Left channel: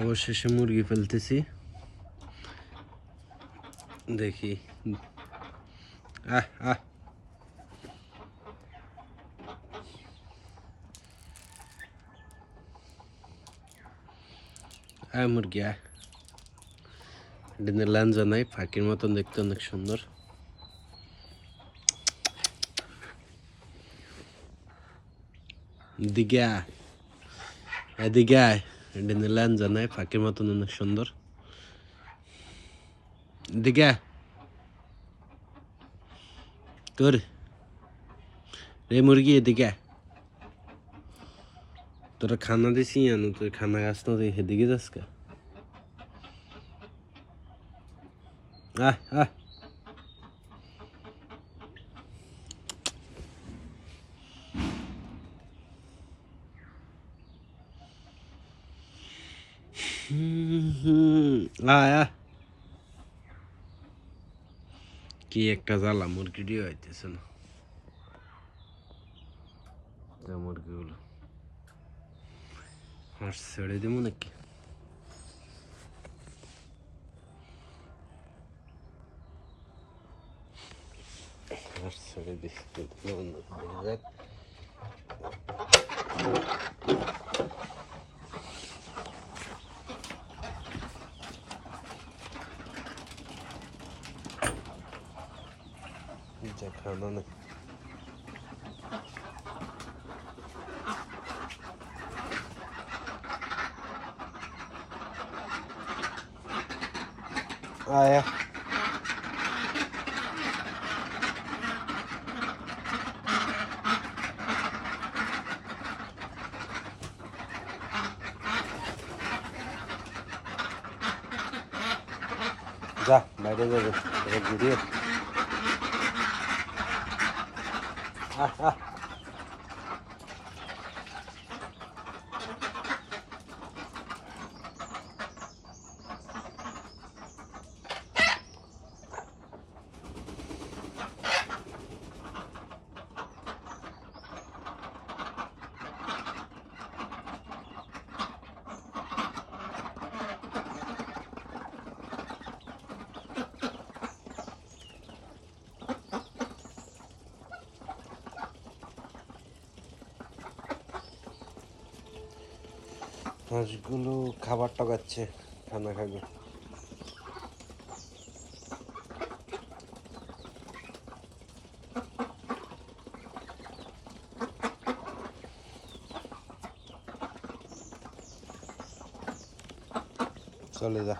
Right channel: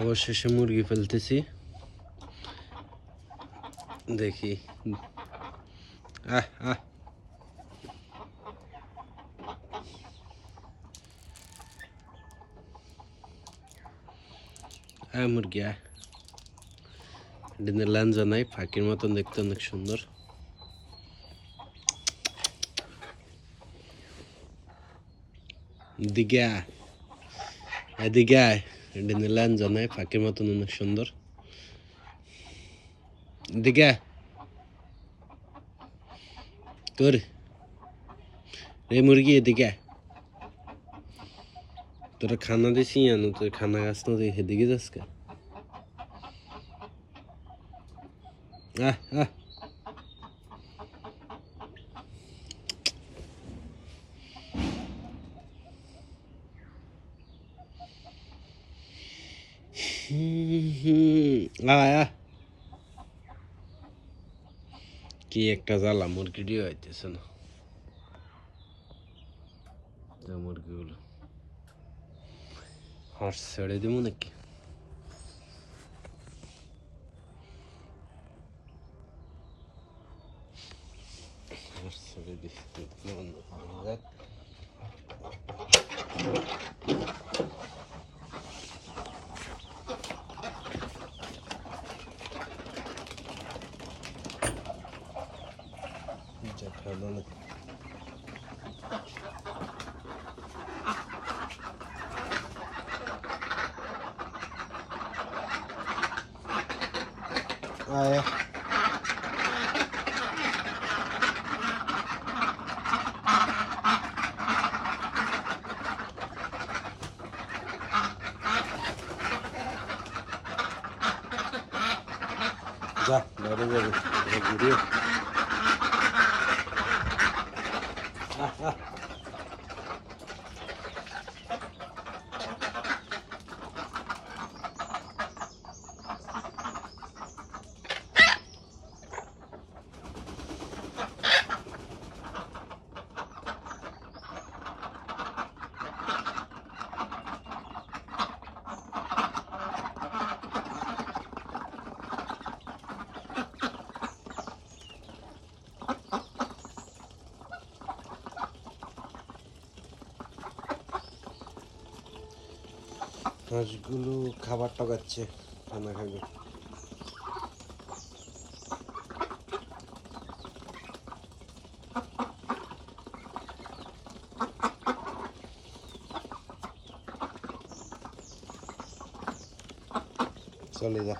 অবশেষে মুরগি ফেলতেছি, দেখি। আহ আহ মুরগি ডিনের লাঞ্জা নাই, ফাঁকির মতন দেখতে অনেক সুন্দর। দিকে এদিকে ডিনের লাঞ্জা নাই, ফাঁকির মতন অনেক সুন্দর। দিকে তোর এই মুরগি এদিকে তোরা খানা দিছি আনো, তুই খানা গাছ না তুই সেদিকে যাস কে? আহ আহ আয় কি একটা জ্বালা, মুরগিটিও হইতেছে না। মুরগিগুলো হাঁস ছেড়ে দিব নাকি? হাঁস ছেড়ে দিই। খাওয়া না আয়া যা বাইরে যাবে ঘুরিয়ে। হাঁসগুলো খাবার টাকাচ্ছে, খানা খাবে। চলে যা।